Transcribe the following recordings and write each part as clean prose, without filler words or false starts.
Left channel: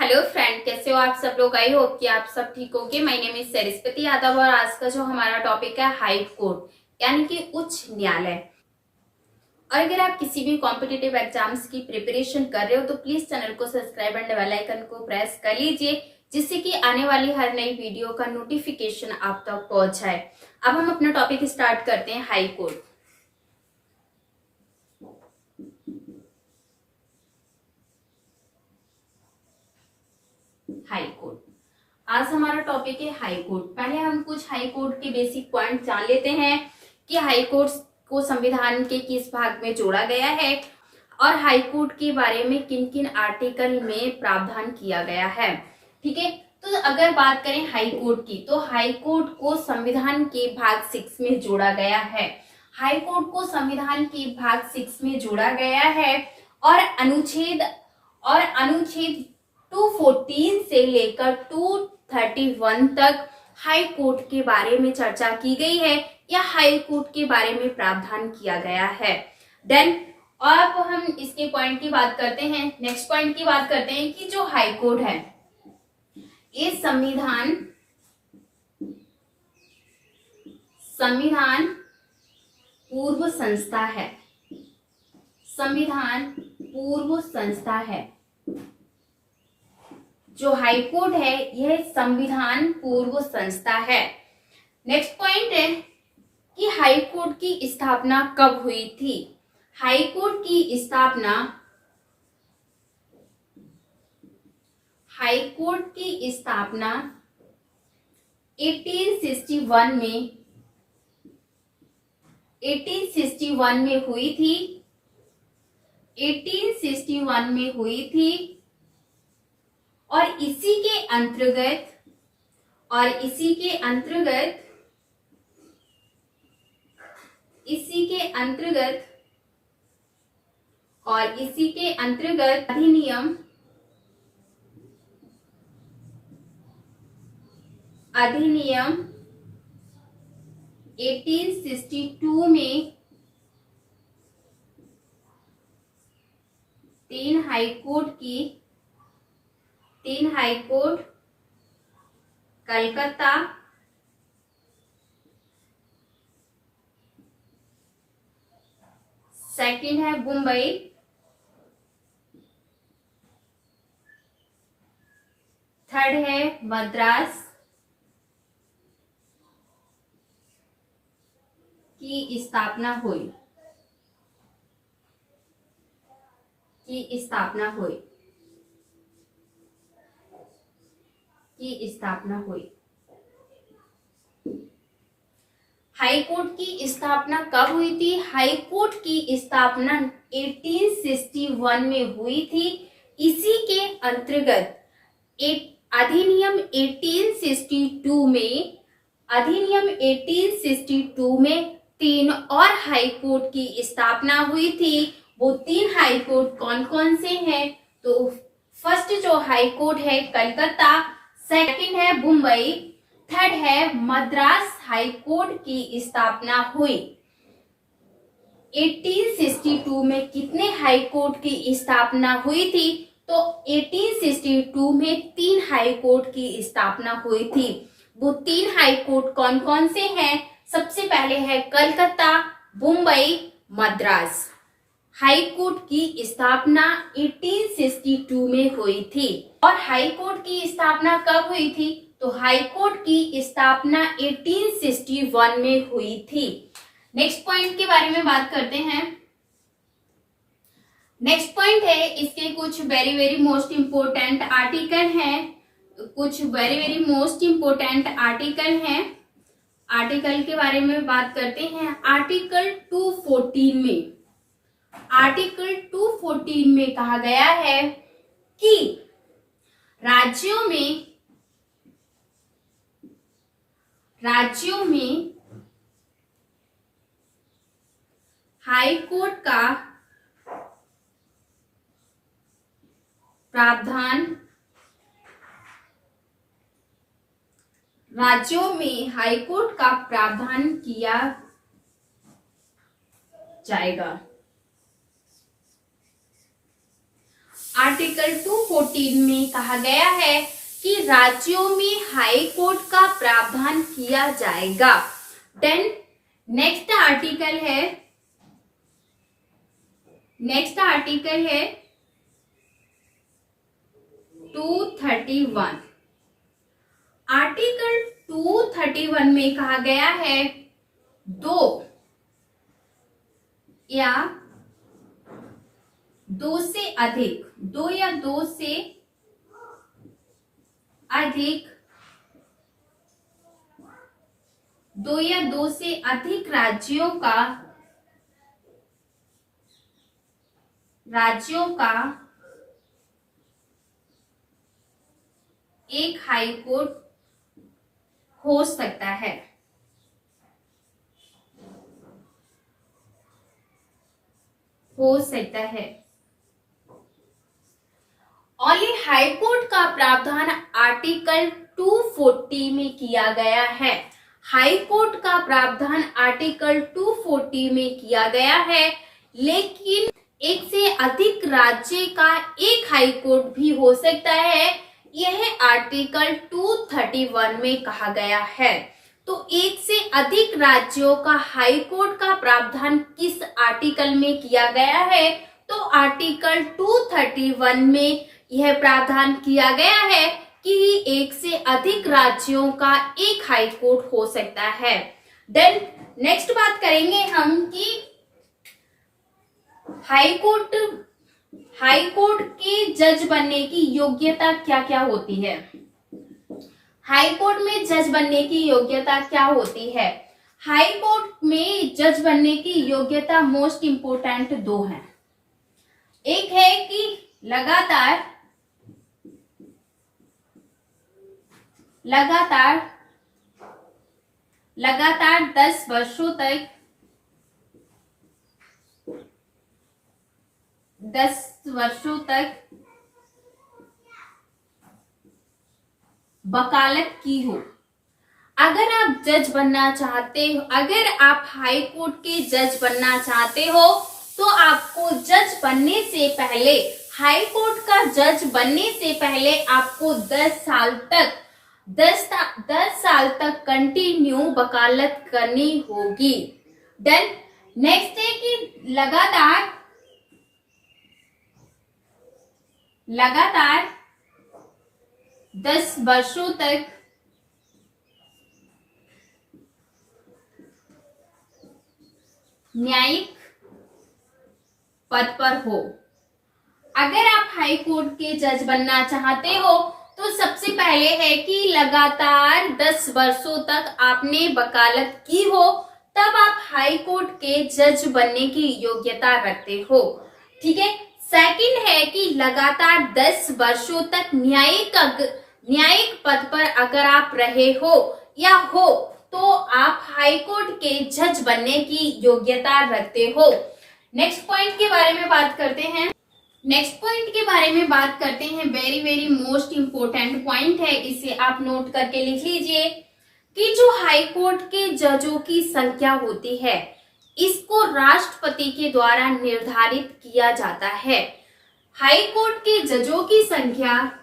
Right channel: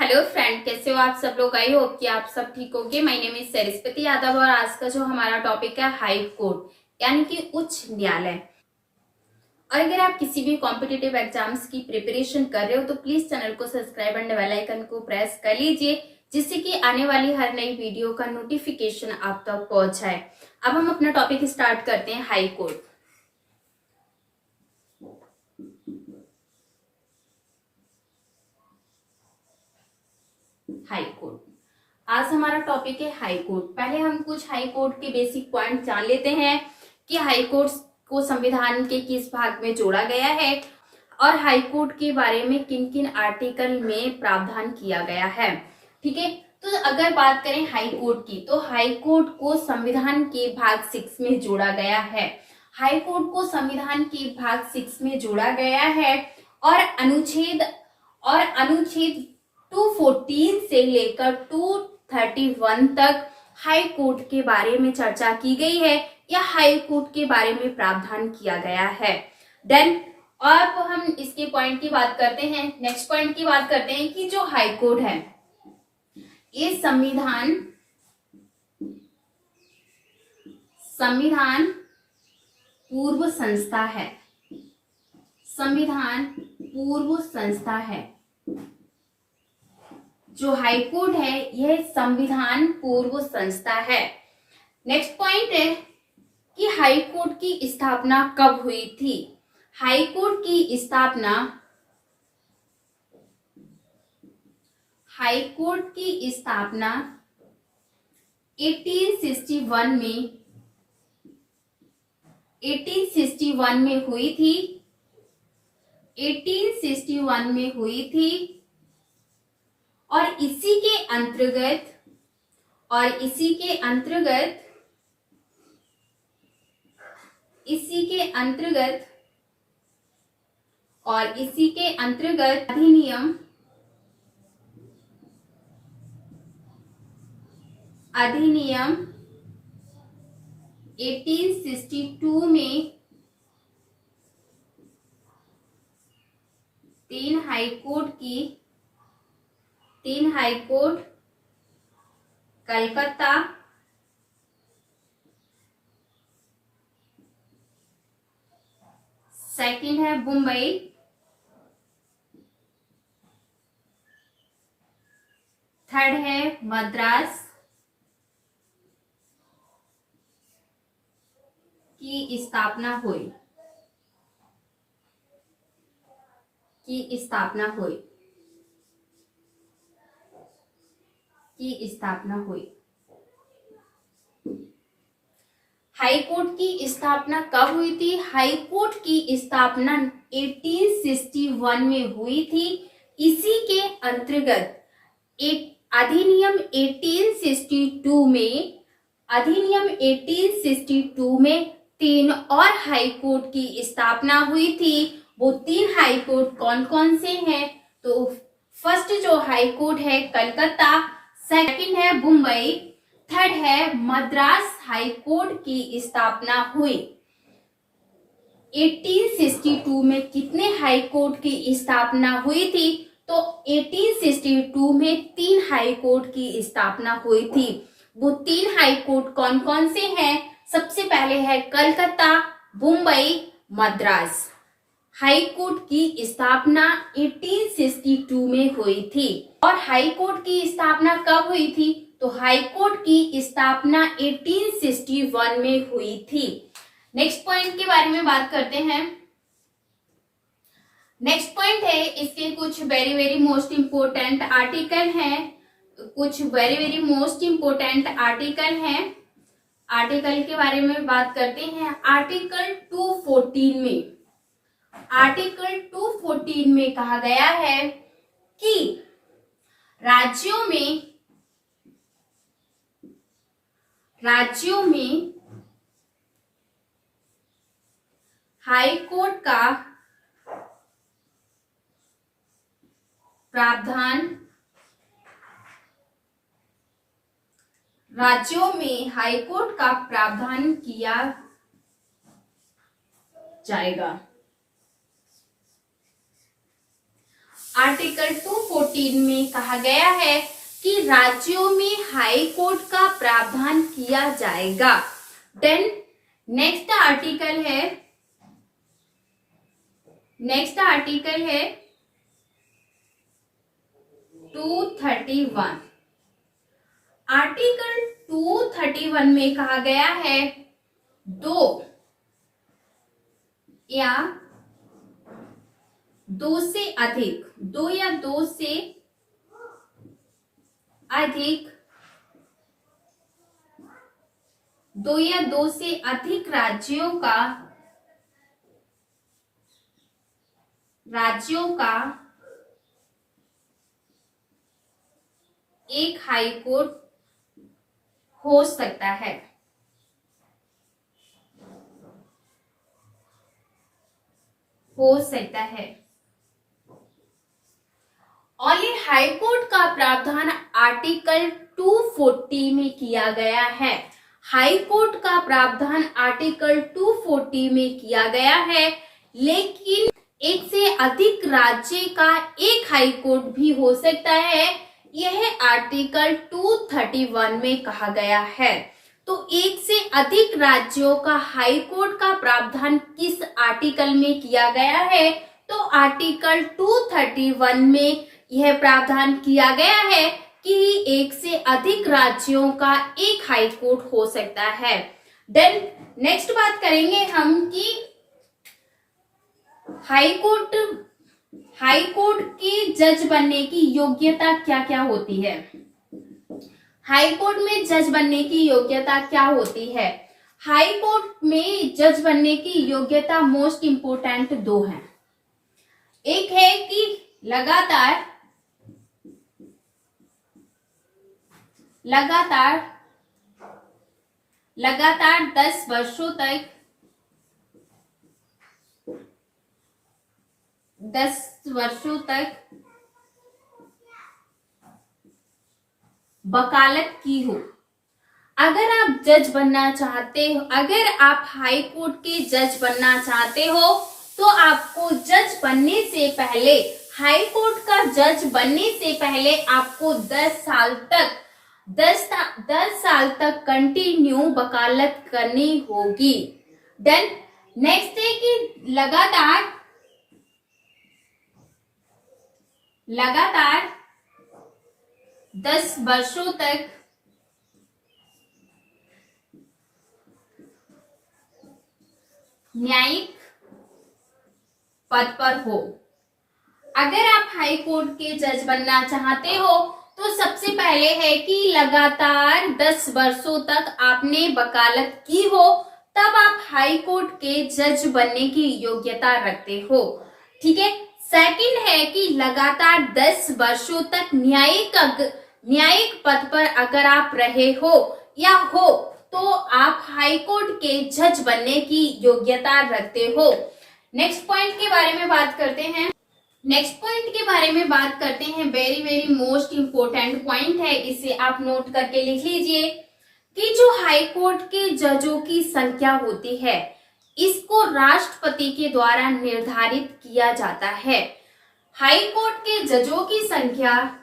Hello friend, कैसे हो आप सब लोग। आई होप कि आप सब ठीक होंगे। My name is Saraswati Yadav और आज का जो हमारा टॉपिक है हाई कोर्ट यानी कि उच्च न्यायालय। और अगर आप किसी भी कॉम्पिटिटिव एग्जाम्स की प्रिपरेशन कर रहे हो तो प्लीज चैनल को सब्सक्राइब एंड बेल आइकन को प्रेस कर लीजिए, जिससे कि आने वाली हर नई वीडियो का नोटिफिकेशन आप तक पहुंच जाए। अब हम अपना टॉपिक स्टार्ट करते हैं, हाई कोर्ट। हाई कोर्ट आज हमारा टॉपिक है हाई कोर्ट। पहले हम कुछ हाई कोर्ट के बेसिक पॉइंट जान लेते हैं कि हाई कोर्ट को संविधान के किस भाग में जोड़ा गया है और हाई कोर्ट के बारे में किन किन आर्टिकल में प्रावधान किया गया है। ठीक है, तो अगर बात करें हाई कोर्ट की तो हाई कोर्ट को संविधान के भाग 6 में जोड़ा गया है। हाई कोर्ट को संविधान के भाग 6 में जोड़ा गया है और अनुच्छेद 214 से लेकर 231 तक हाई कोर्ट के बारे में चर्चा की गई है या हाई कोर्ट के बारे में प्रावधान किया गया है। देन अब हम इसके पॉइंट की बात करते हैं। नेक्स्ट पॉइंट की बात करते हैं कि जो हाई कोर्ट है ये संविधान पूर्व संस्था है। संविधान पूर्व संस्था है। जो हाई कोर्ट है यह संविधान पूर्व संस्था है। नेक्स्ट पॉइंट है कि हाई कोर्ट की स्थापना कब हुई थी। हाई कोर्ट की स्थापना 1861 में हुई थी। 1861 में हुई थी और इसी के अंतर्गत अधिनियम 1862 में तीन हाई कोर्ट कलकत्ता, सेकंड है मुंबई, थर्ड है मद्रास की स्थापना हुई। हाई कोर्ट की स्थापना कब हुई थी। हाई कोर्ट की स्थापना 1861 में हुई थी। इसी के अंतर्गत अधिनियम 1862 में तीन और हाई कोर्ट की स्थापना हुई थी। वो तीन हाई कोर्ट कौन कौन से हैं? तो फर्स्ट जो हाई कोर्ट है कलकत्ता, सेकंड है मुंबई, थर्ड है मद्रास हाई कोर्ट की स्थापना हुई। 1862 में कितने हाई कोर्ट की स्थापना हुई थी? तो 1862 में तीन हाई कोर्ट की स्थापना हुई थी। वो तीन हाई कोर्ट कौन कौन से हैं? सबसे पहले है कलकत्ता, मुंबई, मद्रास। हाई कोर्ट की स्थापना 1862 में हुई थी। और हाई कोर्ट की स्थापना कब हुई थी? तो हाई कोर्ट की स्थापना 1861 में हुई थी। नेक्स्ट पॉइंट के बारे में बात करते हैं। नेक्स्ट पॉइंट है, इसके कुछ very very most important article हैं। आर्टिकल के बारे में बात करते हैं। आर्टिकल 214 में कहा गया है कि राज्यों में हाई कोर्ट का प्रावधान किया जाएगा। आर्टिकल 214 में कहा गया है कि राज्यों में हाई कोर्ट का प्रावधान किया जाएगा। देन नेक्स्ट आर्टिकल है 231। आर्टिकल 231 में कहा गया है दो या दो से अधिक राज्यों का एक हाई कोर्ट हो सकता है। और ये हाई कोर्ट का प्रावधान आर्टिकल 240 में किया गया है। हाई कोर्ट का प्रावधान आर्टिकल 240 में किया गया है, लेकिन एक से अधिक राज्य का एक हाई कोर्ट भी हो सकता है, यह आर्टिकल 231 में कहा गया है। तो एक से अधिक राज्यों का हाई कोर्ट का प्रावधान किस आर्टिकल में किया गया है? तो आर्टिकल 231 में यह प्रावधान किया गया है कि एक से अधिक राज्यों का एक हाई कोर्ट हो सकता है। देन नेक्स्ट बात करेंगे हम कि हाई कोर्ट के जज बनने की योग्यता क्या क्या होती है? हाई कोर्ट में जज बनने की योग्यता क्या होती है? हाई कोर्ट में जज बनने की योग्यता मोस्ट इंपोर्टेंट दो हैं। एक है कि लगातार 10 वर्षों तक वकालत की हो। अगर आप जज बनना चाहते हो, अगर आप हाई कोर्ट के जज बनना चाहते हो, तो आपको जज बनने से पहले, हाई कोर्ट का जज बनने से पहले आपको 10 साल तक कंटिन्यू वकालत करनी होगी। देन नेक्स्ट है कि लगातार 10 वर्षों तक न्यायिक पद पर हो। अगर आप हाई कोर्ट के जज बनना चाहते हो, तो सबसे पहले है कि लगातार 10 वर्षों तक आपने वकालत की हो, तब आप हाई कोर्ट के जज बनने की योग्यता रखते हो। ठीक है। सेकंड है कि लगातार 10 वर्षों तक न्यायिक पद पर अगर आप रहे हो या हो, तो आप हाई कोर्ट के जज बनने की योग्यता रखते हो। नेक्स्ट पॉइंट के बारे में बात करते हैं। Very very most important point है, इसे आप नोट करके लिख लीजिए कि जो हाई कोर्ट के जजों की संख्या होती है, इसको राष्ट्रपति के द्वारा निर्धारित किया जाता है। हाई कोर्ट के जजों की संख्या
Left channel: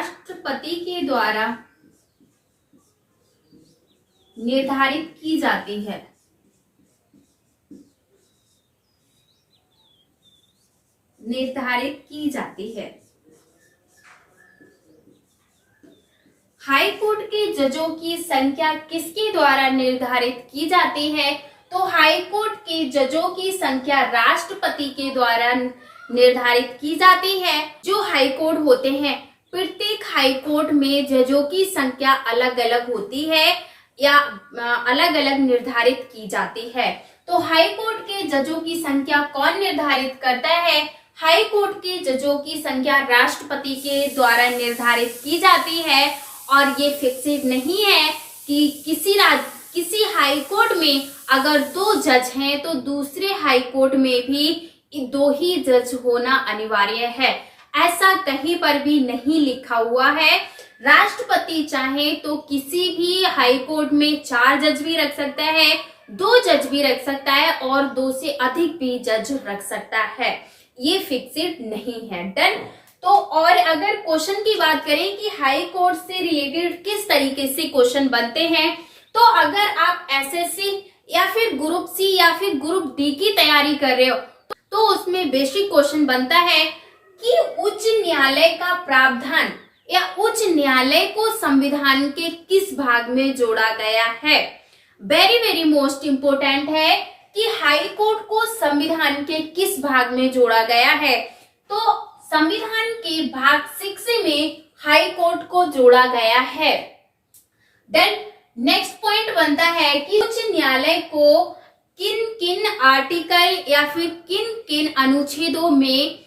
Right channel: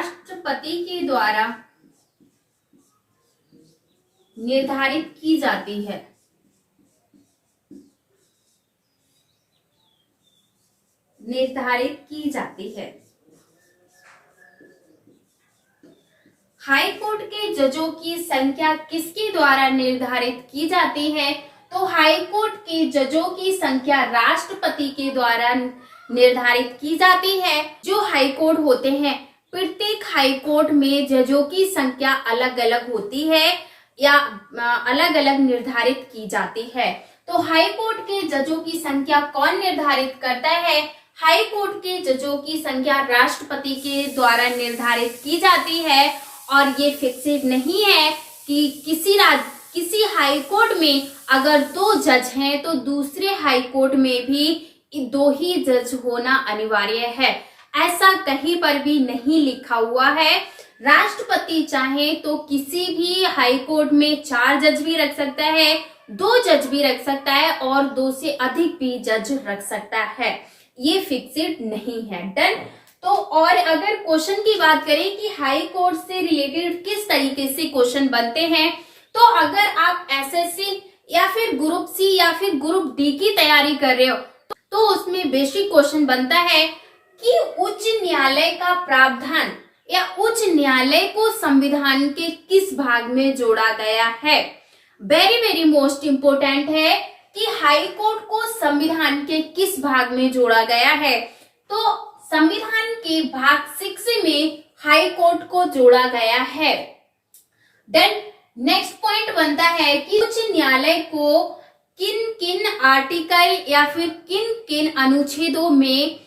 राष्ट्रपति के द्वारा निर्धारित की जाती है। हाई कोर्ट के जजों की संख्या किसके द्वारा निर्धारित की जाती है? तो हाई कोर्ट के जजों की संख्या राष्ट्रपति के द्वारा निर्धारित की जाती है। जो हाई कोर्ट होते हैं, प्रत्येक हाई कोर्ट में जजों की संख्या अलग अलग होती है या अलग अलग निर्धारित की जाती है। तो हाई कोर्ट के जजों की संख्या कौन निर्धारित करता है? हाई कोर्ट के जजों की संख्या राष्ट्रपति के द्वारा निर्धारित की जाती है, और ये फिक्स्ड नहीं है कि किसी हाई कोर्ट में अगर 2 जज हैं, तो दूसरे हाई कोर्ट में भी 2 ही जज होना अनिवार्य है। ऐसा कहीं पर भी नहीं लिखा हुआ है। राष्ट्रपति चाहे तो किसी भी हाई कोर्ट में 4 जज भी रख सकता है, 2 जज भी रख सकता है और 2 से अधिक भी जज रख सकता है। ये फिक्सेड नहीं है। डन। तो और अगर क्वेश्चन की बात करें कि हाई कोर्ट से रिलेटेड किस तरीके से क्वेश्चन बनते हैं, तो अगर आप एसएससी या फिर ग्रुप सी या फिर ग्रुप डी की तैयारी कर रहे हो तो उसमें बेसिक क्वेश्चन बनता है कि उच्च न्यायालय का प्रावधान या उच्च न्यायालय को संविधान के किस भाग में जोड़ा गया है। वेरी वेरी मोस्ट इंपोर्टेंट है कि हाई कोर्ट को संविधान के किस भाग में जोड़ा गया है। तो संविधान के भाग 6 में हाई कोर्ट को जोड़ा गया है। देन नेक्स्ट पॉइंट बनता है कि उच्च न्यायालय को किन किन आर्टिकल या फिर किन किन अनुच्छेदों में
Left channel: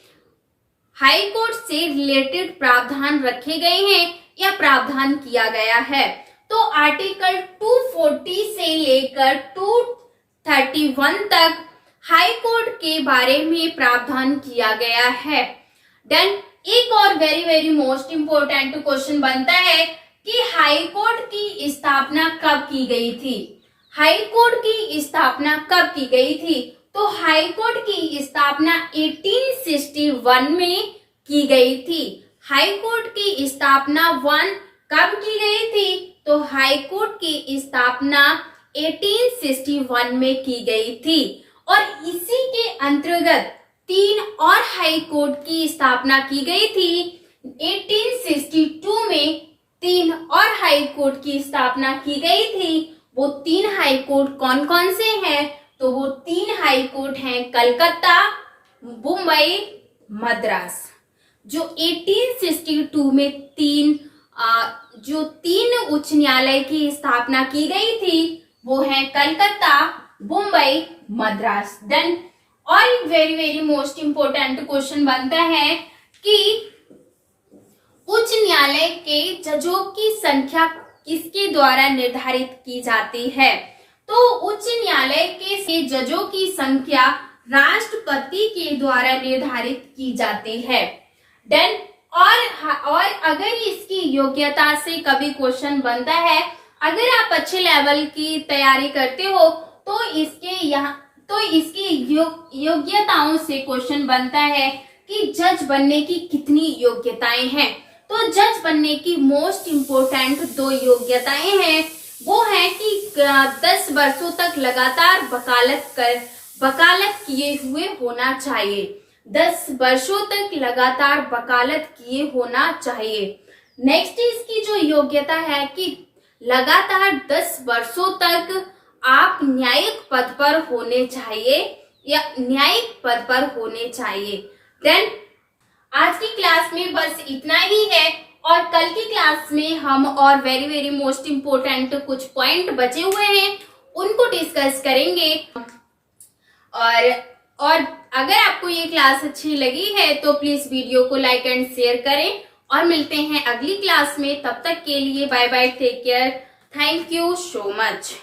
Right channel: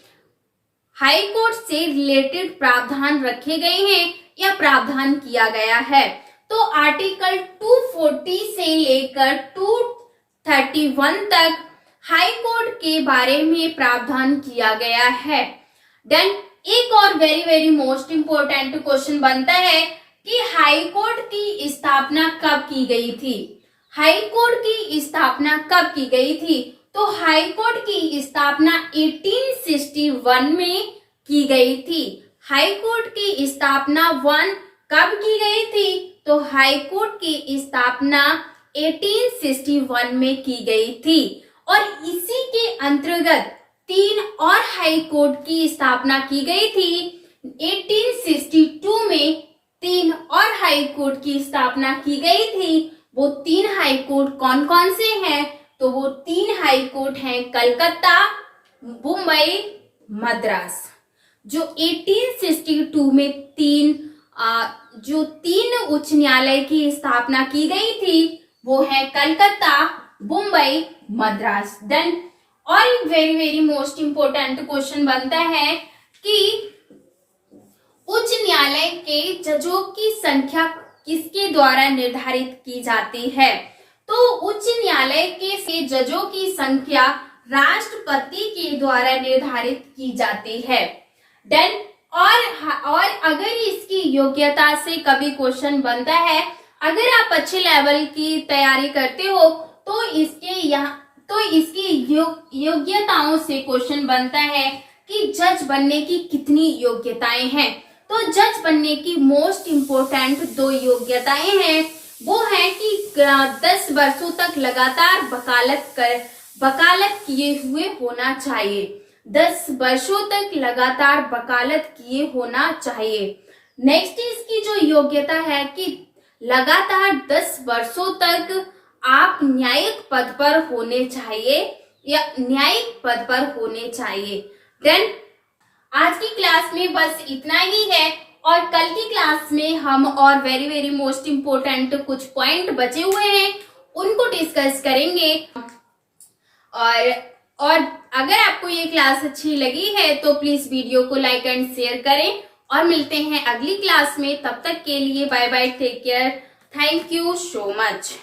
हाई कोर्ट से रिलेटेड प्रावधान रखे गए हैं या प्रावधान किया गया है। तो आर्टिकल 240 से लेकर 231 तक हाई कोर्ट के बारे में प्रावधान किया गया है। देन एक और very very most important question बनता है कि हाई कोर्ट की स्थापना कब की गई थी। हाई कोर्ट की स्थापना कब की गई थी? तो हाई कोर्ट की स्थापना 1861 में की गई थी। हाई कोर्ट की स्थापना कब की गई थी? तो हाई कोर्ट की स्थापना 1861 में की गई थी और इसी के अंतर्गत 3 और हाई कोर्ट की स्थापना की गई थी। 1862 में 3 और हाई कोर्ट की स्थापना की गई थी। वो 3 हाई कोर्ट कौन कौन से हैं? तो वो 3 हाई कोर्ट हैं कलकत्ता, मुंबई, मद्रास। जो 1862 में 3 उच्च न्यायालय की स्थापना की गई थी वो है कलकत्ता, मुंबई, मद्रास। देन और एक very very most important question बनता है कि उच्च न्यायालय के जजों की संख्या किसके द्वारा निर्धारित की जाती है? तो उच्च न्यायालय के जजों की संख्या राष्ट्रपति के द्वारा निर्धारित की जाती है। देन और अगर इसकी योग्यता से कभी क्वेश्चन बनता है, अगर आप अच्छे लेवल की तैयारी करते हो तो इसकी योग्यताओं से क्वेश्चन बनता है कि जज बनने की कितनी योग्यताएं हैं। तो जज बनने की मोस्ट इंपोर्टेंट 2 योग्यताएं हैं। वो है कि 10 वर्षों तक लगातार वकालत किए हुए होना चाहिए। 10 वर्षों तक लगातार वकालत किए होना चाहिए। नेक्स्ट इसकी जो योग्यता है कि लगातार 10 वर्षों तक आप न्यायिक पद पर होने चाहिए या न्यायिक पद पर होने चाहिए। देन आज की क्लास में बस इतना ही है और कल की क्लास में हम और वेरी वेरी मोस्ट इम्पोर्टेंट कुछ पॉइंट बचे हुए हैं उनको डिस्कस करेंगे। और अगर आपको ये क्लास अच्छी लगी है तो प्लीज वीडियो को लाइक एंड शेयर करें और मिलते हैं अगली क्लास में। तब तक के लिए bye bye, take care, thank you so much.